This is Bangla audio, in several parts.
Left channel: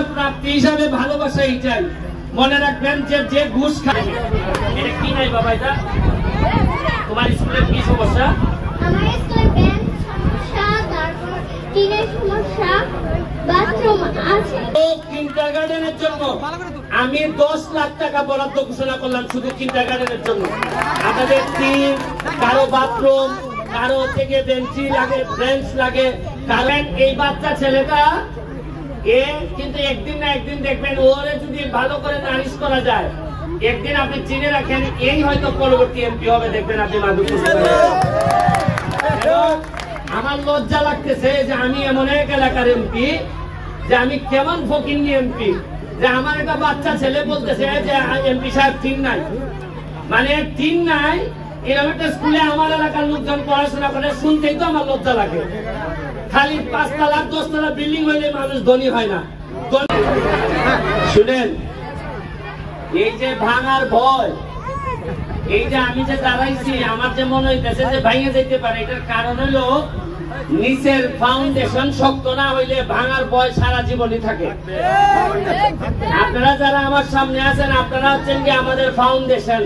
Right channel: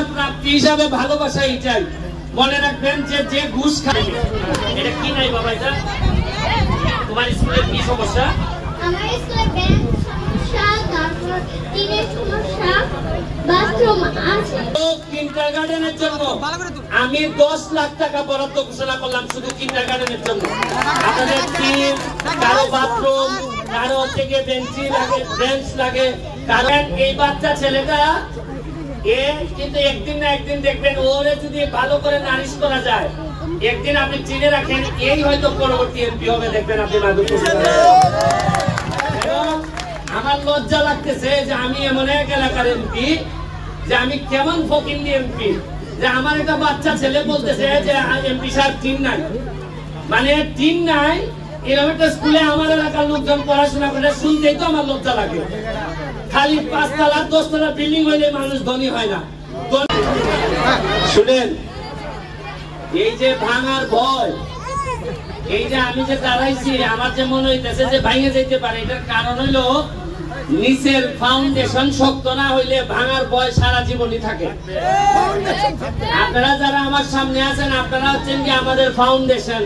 আমার প্রাপ্তি হিসাবে ভালোবাসা এটাই। মনে রাখবেন যে যে ঘুষ খায় এটা কি নাই বাবা, এটা তোমার স্কুলের কি সমস্যা? আমার স্কুলে ব্যাংক সমস্যা, তারপর টিনের সমস্যা, বাথরুম আছে। তো কিন্ডারগার্টেনের জন্য আমি 10 লাখ টাকা বরাদ্দ ঘোষণা করলাম শুধু কিন্ডারগার্টেনের জন্য। আপনাদের টিন, কারো বাথরুম, কারো থেকে বেঞ্চি লাগে, বেঞ্চ লাগে, কারণ এই বাচ্চা ছেলেটা এ কিন্তু একদিন না একদিন দেখবেন ওরে যদি ভালো করে নারিশ করা যায়, একদিন আপনি চিনে রাখেন এই হয়তো পরবর্তী এমপি হবে, দেখবেন আপনি মাধবপুর। আমার লজ্জা লাগতেছে যে আমি এমন এক এলাকার এমপি, যে আমি কেমন ফকিন্নি এমপি, যে আমার একটা বাচ্চা ছেলে বলতেছে যে এমপি সাহেব টিন নাই, মানে টিন নাই এরকম একটা স্কুলে আমার এলাকার লোকজন পড়াশোনা করে, শুনতেই তো আমার লজ্জা লাগে। খালি 5 তলা 10 তলা বিল্ডিং হইলে মানুষ ধনী হয় না। শুনেন, এই যে ভাঙার ভয়, এই যে আমি যে দাঁড়াইছি আমার যে মনে হইতেছে যে ভাঙে যেতে পারে, এটার কারণ হলো নিচের ফাউন্ডেশন শক্ত না হইলে ভাঙার ভয় সারা জীবনই থাকে। আপনারা যারা আমার সামনে আছেন আপনারা হচ্ছেন কি আমাদের ফাউন্ডেশন।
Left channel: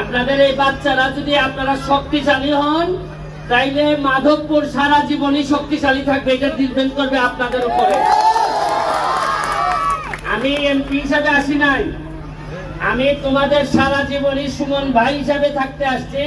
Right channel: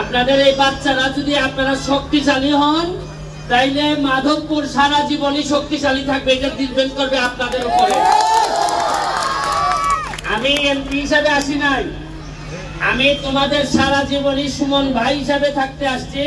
আপনাদের এই বাচ্চারা যদি আপনারা শক্তিশালী হন তাইলে মাধবপুর সারা জীবনই শক্তিশালী থাকবে, এটা ডিপেন্ড করবে আপনাদের উপরে। আমি এমপি হিসাবে আসি নাই, আমি তোমাদের সারা জীবনই সুমন ভাই হিসাবে থাকতে আসছি।